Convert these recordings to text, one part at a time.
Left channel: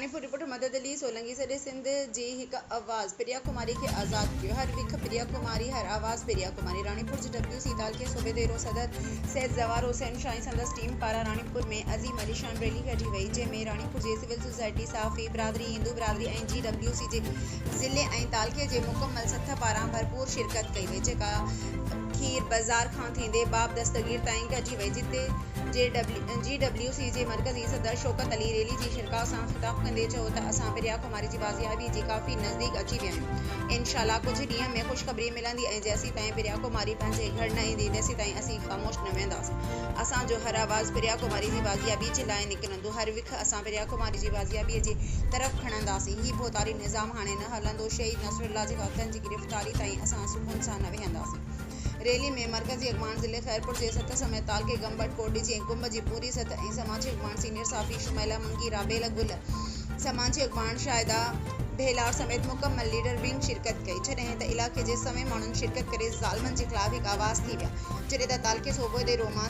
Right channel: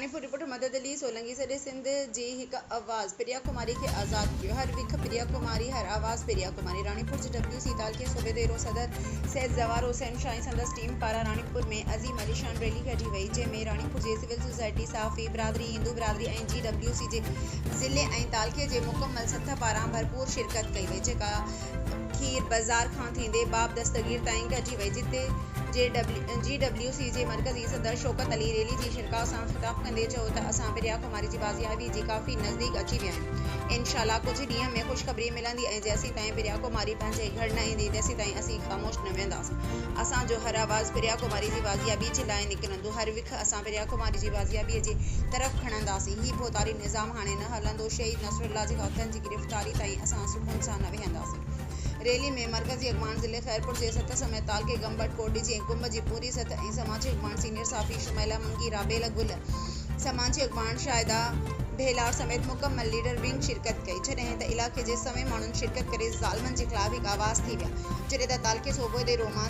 Ranipur reporter मदद अली सोलंकी सॾे सिंध जी हिकु आवाज़ प्रिया कुमारी खे आज़ाद कियो। हर विख प्रिया कुमारी, हर आवाज़ प्रिया कुमारी। रानीपुर जे WC तालके सूबे देरो सदर सैयद ज़वार हुसैन शाही संदस टीम पारां रानीपुर में अज़ीम अली शान रैली कढी वई, जंहिंमें रानीपुर जे सिविल सोसाइटी, साफ़ी बिरादरी, हिंदू बिरादरी ऐं GWC जे ज़िले ऐं तालके जे मुकमल सथ पारां भरपूर शिरकत कई वई, जेका खीर बाज़ार खां थींदे बाब दस्तगीर ताईं कढी वई, जिते GWC जे मरकज़ी सदर शौकत अली रैली जी शिरकत सां ख़िताब कंदे चयो त असां प्रिया कुमारी जी बाज़ियाबी जी काफ़ी नज़दीक अची विया आहियूं। इंशाअल्लाह कुझु ॾींहं में ख़ुशख़बरी मिलंदी ऐं जेसीं ताईं प्रिया कुमारी पंहिंजे घर न ईंदी तेसीं ताईं असीं ख़ामोश न वेंदासीं। असांजो हर आवाज़ प्रिया कुमारी जी बाज़ियाबी जे लाइ निकिरंदो। हर विख असां प्रिया कुमारी जी बाज़ियाबीअ जी तरफ़ खणंदासीं। ही भोतारी निज़ाम हाणे न हलंदो। शहीद नसरुल्लाह जे कातिलनि जी गिरफ़्तारी ताईं असां सुकून सां न वेहंदासीं। रैली में मरकज़ी अॻवान ज़िले खैरपुर जे सत समेत तालके गंबट कोटडी ऐं कुंभ जी पूरी सत ऐं समाजी अॻवान सीनियर साफ़ी शुमैला मंगी, राबेल गुल, समाजी अॻवान शाहिदा भेलार समेत मुकम्मल लीडर विंग शिरकत कई, जॾहिं त इलाइक़े जे समें माण्हुनि शिरकत करे ज़ालिमनि जे ख़िलाफ़ हिकु आवाज़ थी विया, जॾहिं त तालके सूबे दे रोमा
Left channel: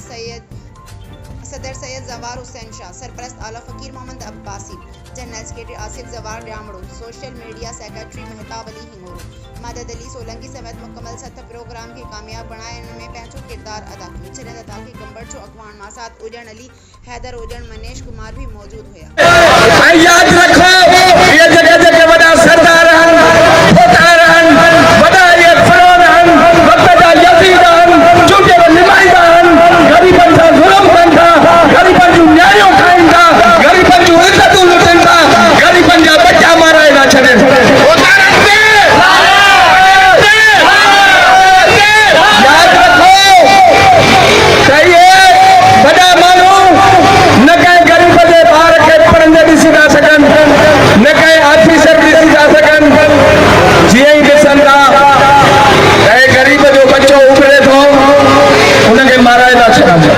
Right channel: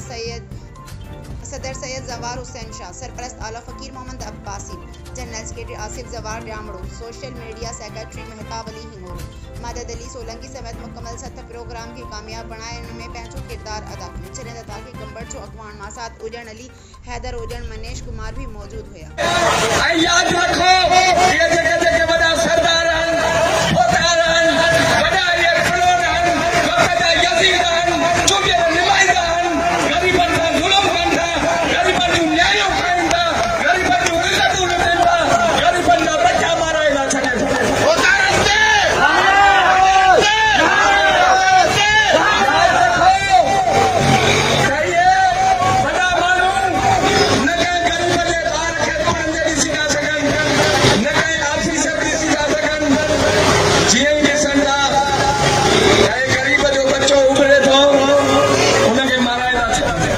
सदर सैयद ज़वार हुसैन शाह, सरपरस्त आला Faqir Mohammad Abbasi, general secretary Asif Zawar Damro, social media secretary Mehtab Ali Hingoro, Madad Ali Solanki समेत मुकम्मल सत प्रोग्राम खे कामयाब बणाइण में पंहिंजो किरदार अदा कयो, जॾहिं त तालके गंबट जो अॻवान मासात उजण अली, हैदर उजण, मनेश कुमार भी मौजूद हुया।